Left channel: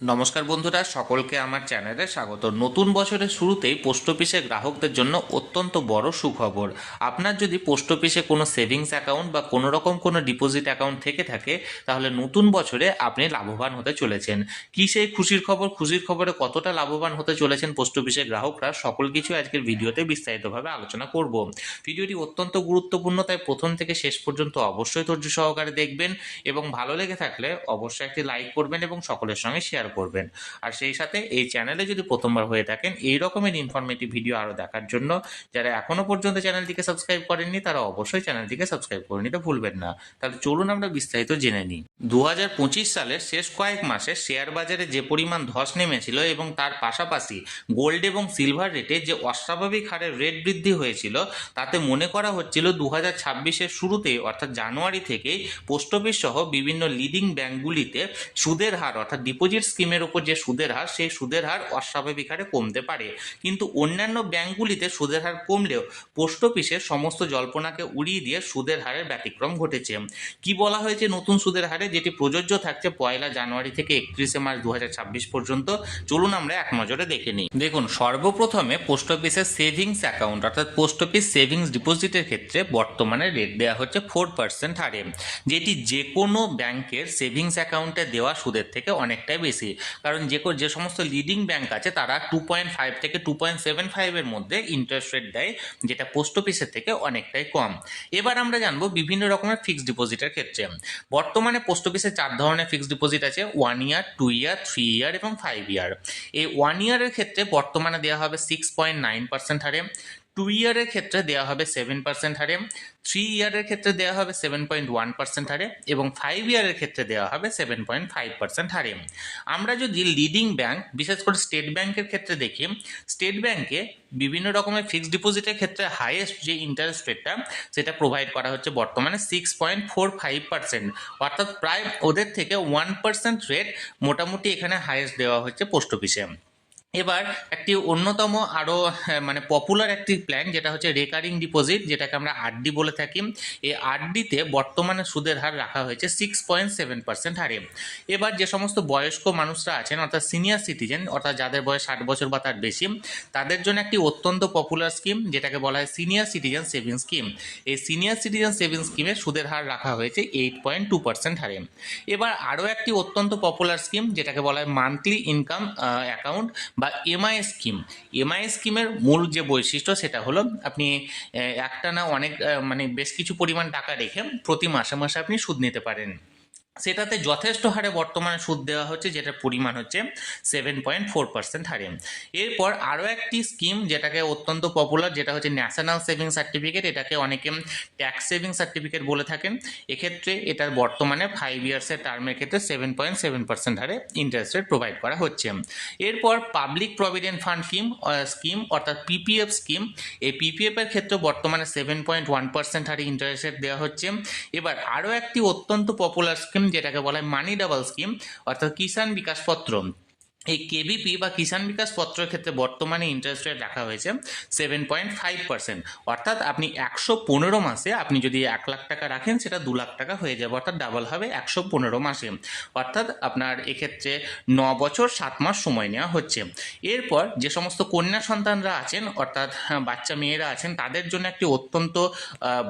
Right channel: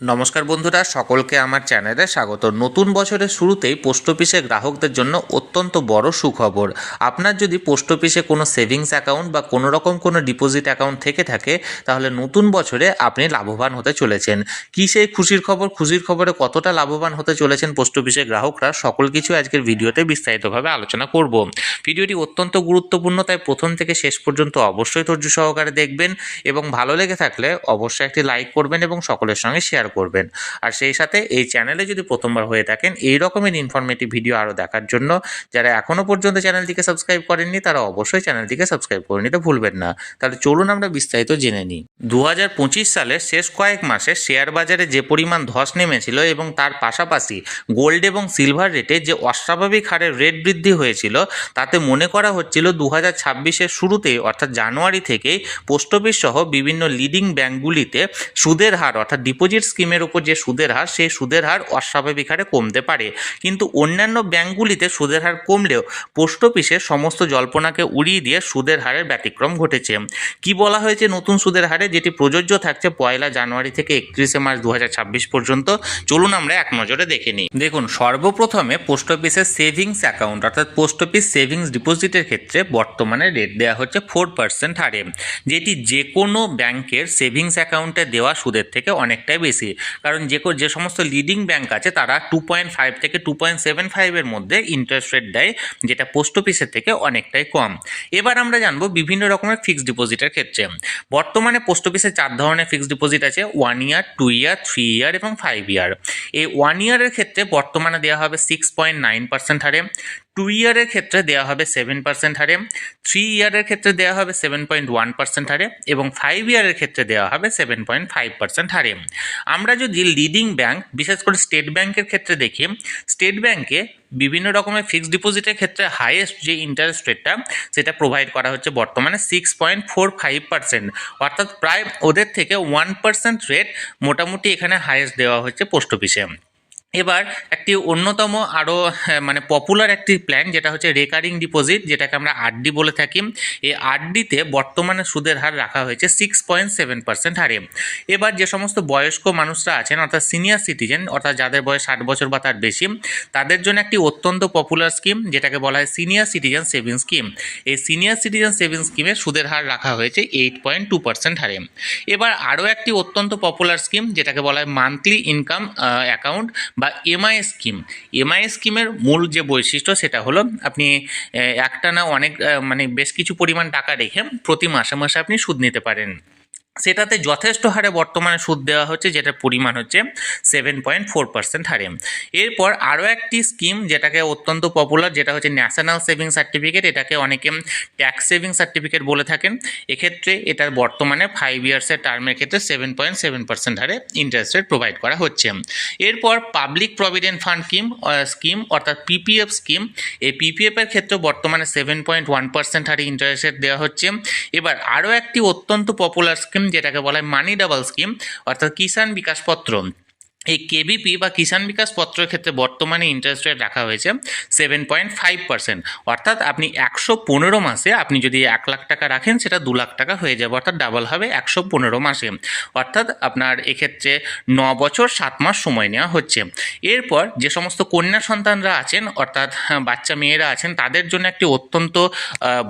নমস্কার বন্ধুরা, সকলকে আমার চ্যানেলে স্বাগত। নতুন বছরের শুরুতেই পোস্ট অফিসে গ্রাহকদের জন্য অত্যন্ত বড় সুখবর। আপনার যদি পোস্ট অফিসে কোনো সেভিংস অ্যাকাউন্ট বা কোনো রকম কোনো ডিপোজিট অ্যাকাউন্ট থেকে থাকে, তাহলে নতুন বছরে আপনি লাভবান হতে চলেছেন। কী সেই খুশির খবর? খুশির খবরে কতটা লাভবান হতে চলেছেন পোস্ট অফিসের গ্রাহকরা, সকল কিছু আজকের ভিডিওতে বিস্তারিতভাবে আলোচনা করব। ভিডিওটি অত্যন্ত গুরুত্বপূর্ণ, তাই প্রথম থেকে শেষ পর্যন্ত অবশ্যই ধৈর্য সহকারে দেখবেন এবং ভালো লেগে থাকলে অবশ্যই একটি লাইক করবেন এবং সকলের সঙ্গে শেয়ার করবেন। আর সেই সাথে এই চ্যানেলে যদি প্রথমবার হয়ে থাকেন, এই রকমের ইনফরমেটিভ ভিডিও আরও দেখার জন্য যারা এখনও পর্যন্ত চ্যানেলটিকে সাবস্ক্রাইব করেননি, তারা অবশ্যই চ্যানেলটিকে সাবস্ক্রাইব করে নিতে ভুলবেন না। তাহলে চলুন আমরা বিস্তারিত জেনে নিই। 2025 সালের শেষ কয়েক মাসে শেয়ার বাজারে যে পরিমাণ ধস নেমেছিল এবং তার পাশাপাশি গোল্ড এবং সিলভার রেটে যে অস্বাভাবিক হারে রেট বৃদ্ধি হয়েছিল, তাতে মনে করা হচ্ছিল 2026-এর শুরুতেই অর্থাৎ জানুয়ারি থেকেই পোস্ট অফিস সহ বিভিন্ন লিডিং ব্যাঙ্কগুলিতে সুদের হার অর্থাৎ ডিপোজিট স্কিমের উপর যে সুদের হার, সেই সুদের হার অস্বাভাবিক হারে কমতে পারে। কিন্তু অন্যান্য ব্যাঙ্কগুলিতে সুদের হার কমলেও পোস্ট অফিসে সমস্ত জল্পনাকে উড়িয়ে দিয়ে সুদের হারের ব্যতিক্রম ঘটেছে। কি বলা হয়েছে নতুন সুদের হারে, যেটি প্রযোজ্য থাকছে 1 জানুয়ারি থেকে 31 মার্চ 2026 পর্যন্ত? চলুন আমরা এক নজরে দেখে নিই। দেখুন, সর্বপ্রথমে পোস্ট অফিসের সেভিংস অ্যাকাউন্ট অর্থাৎ পোস্ট অফিস সেভিংস ডিপোজিটের ক্ষেত্রে বর্তমানে রেট দেওয়া হচ্ছে 4% হারে, যেটি যে কোনো ব্যাংকের সেভিংস অ্যাকাউন্টে দেওয়া সুদের থেকে অনেকটাই বেশি। কারণ যে সমস্ত লিডিং ব্যাংক আছে তারা 2.5 থেকে 2.75 এর মধ্যে ইন্টারেস্ট রেট দেয়, যেটা পোস্ট অফিসের থেকে অনেকটাই কম। এবার আমরা জানবো বিভিন্ন রকমের ফিক্সড ডিপোজিটের ক্ষেত্রে। বর্তমানে পোস্ট অফিসে 4 ধরনের ফিক্সড ডিপোজিট আছে: 1 ইয়ার, 2 ইয়ার, 3 ইয়ার এবং 5 ইয়ার। এই 1 ইয়ারের ক্ষেত্রে বর্তমানে দেওয়া হবে 6.9% হারে, 2 ইয়ারের ক্ষেত্রে দেওয়া হবে 7% হারে, 3 ইয়ারের ক্ষেত্রে দেওয়া হবে 7.1% হারে এবং 5 ইয়ারের ক্ষেত্রে দেওয়া হবে 7.5% হারে। আমরা যদি লিডিং ব্যাংক বিশেষ করে স্টেট ব্যাংকের ক্ষেত্রে দেখি, স্টেট ব্যাংকে বিভিন্ন রকমের ফিক্সড ডিপোজিটের ক্ষেত্রে হাইয়েস্ট যে ইন্টারেস্ট রেটটা সেটা প্রোভাইড করা হচ্ছে বর্তমানে 6.45%, অর্থাৎ প্রায় ওদের থেকে 1% রেট মোটামুটি এখানে হাইয়েস্ট দেওয়া হচ্ছে পোস্ট অফিসে। এবার একটি অন্যতম আরও পপুলার একটি প্ল্যান, যেটা হচ্ছে রেকারিং ডিপোজিট, যেটাকে আমরা আরডি বলে থাকি। এই আরডিতে বর্তমানে সুদের হার রাখা হয়েছে 6.7% হারে। এবার যে সমস্ত বয়স্ক মানুষরা আছেন অর্থাৎ সিনিয়র সিটিজেন, অর্থাৎ যাদের বয়স 60 বছর বা তার বেশি, তাদের জন্য একটি অত্যন্ত পপুলার স্কিম, যেটাকে বলা হয় সিনিয়র সিটিজেন সেভিংস স্কিম। এই সিনিয়র সিটিজেন সেভিংস স্কিমের সুদের হার রাখা হয়েছে 8.2% হারে। এবার আরও একটি অত্যন্ত পপুলার স্কিম, যেটাকে বলা হয় মান্থলি ইনকাম অ্যাকাউন্ট বা এমআই স্কিম। এমআই স্কিমের মূল যে বৈশিষ্ট্য সেটা হলো আপনি একটানা বেশ কিছু পরিমাণ টাকা রেখে প্রতি মাসে মাসে আপনি সুদ নিতে পারেন। সেটাতে যথেষ্ট হারে বর্তমানে সুদ দেওয়া হচ্ছে, যেটার পরিমাণ হচ্ছে 7.4% হারে। এরপর আরও একটি স্কিম যেটাকে অত্যন্ত পপুলার, যেটা হচ্ছে ন্যাশনাল সেভিং সার্টিফিকেট। এটাকে অনেকে ট্যাক্স সেভিং সার্টিফিকেট বলে থাকেন। এক্ষেত্রে এটার বর্তমানে 5 ইয়ার্সের টার্মের ক্ষেত্রে 7.7% হারে ইন্টারেস্ট রেট প্রোভাইড করা হচ্ছে। এরপর পাবলিক প্রভিডেন্ট ফান্ড স্কিম অর্থাৎ পিপিএফ স্কিম। এই পিপিএফের ক্ষেত্রে বর্তমানে 7.1% হারে ইন্টারেস্ট রেট দেওয়া হচ্ছে। এবার আরও একটি অত্যন্ত পপুলার স্কিম, যেটাকে বলা হয় মানি ডাবল স্কিম অর্থাৎ কিষাণ বিকাশ পত্র। এই কেবিপি বা কিষাণ বিকাশ পত্রের ক্ষেত্রে বর্তমানে ইন্টারেস্ট রেট রাখা হয়েছে 7.5%, অর্থাৎ আপনি 115 মাসে আপনি যদি 1 লাখ টাকা রাখেন, সেটা 2 লাখ টাকা হয়ে যাবে, অর্থাৎ ডাবল হবে 115 মাসে। অর্থাৎ আপনার এক্ষেত্রে 9 বছর 7 মাস সময় নেওয়া হচ্ছে। এরপর যে সমস্ত কন্যা সন্তানরা আছেন অর্থাৎ বাচ্চা মেয়েরা আছেন, তাদের জন্য একটি অত্যন্ত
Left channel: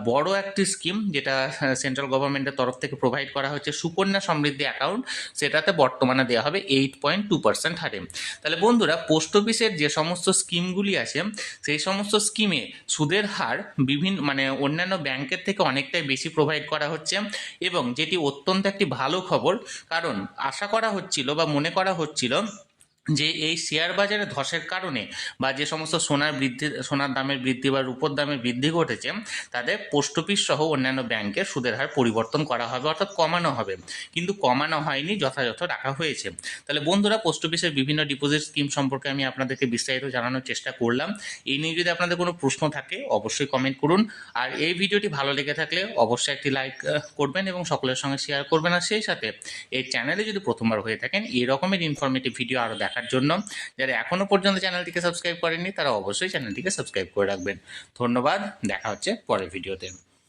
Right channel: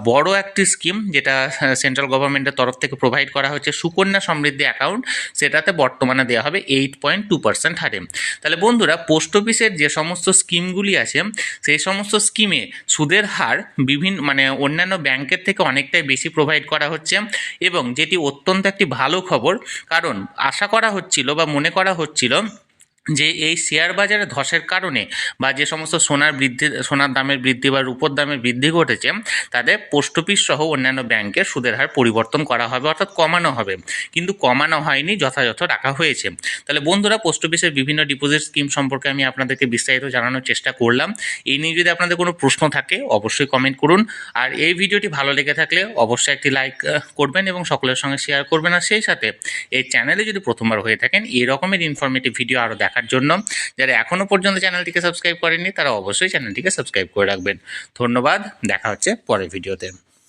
বড় একটি স্কিম, যেটা সেন্ট্রাল গভর্নমেন্টের তরফ থেকে প্রোভাইড করা হচ্ছে সুকন্যা সমৃদ্ধি অ্যাকাউন্ট। সেটাতে বর্তমানে দেওয়া হবে 8.2% হারে। তাহলে বন্ধুরা, পোস্ট অফিসের যে সমস্ত স্কিমগুলি আছে, সেই সমস্ত স্কিমে সুদের হার অন্যান্য ব্যাংকের থেকে অনেকটাই বেশি প্রোভাইড করা হচ্ছে, এবং যেটি অত্যন্ত একটি ভালো খবর। কারণ আশা করা হচ্ছিল বা মনে করা হচ্ছিল যে এই শেয়ার বাজারে ধসের কারণে বা যে সমস্ত সোনার দামের বৃদ্ধি বা রূপোর দামের বৃদ্ধি ঘটেছে, তাদের পোস্ট অফিস সহ অন্যান্য ব্যাংকের সুদের হার পরিবর্তন করা হবে, অর্থাৎ কমানো হবে। কিন্তু কমানো হয়নি, যথাযথ রাখা হয়েছে। তাহলে বন্ধুরা, পোস্ট অফিসের বিভিন্ন ডিপোজিট স্কিম সম্পর্কে আমি আপনাদেরকে বিস্তারিত জানানোর চেষ্টা করলাম। এই নিয়ে যদি আপনাদের কোনো প্রশ্ন থাকে অবশ্যই কমেন্ট করুন। আর এই ভিডিওটি ভালো লেগে থাকলে অবশ্যই একটি লাইক করবেন এবং সকলের সঙ্গে শেয়ার করবেন। আর সেই সাথে এই চ্যানেলে যদি প্রথমবার হয়ে থাকেন, এই রকমের ইনফরমেটিভ ভিডিও আরও দেখার জন্য যারা এখনও পর্যন্ত চ্যানেলটিকে সাবস্ক্রাইব করেননি, তারা অবশ্যই চ্যানেলটিকে সাবস্ক্রাইব করে রাখবেন। ধন্যবাদ, দেখা হচ্ছে পরের ভিডিওতে।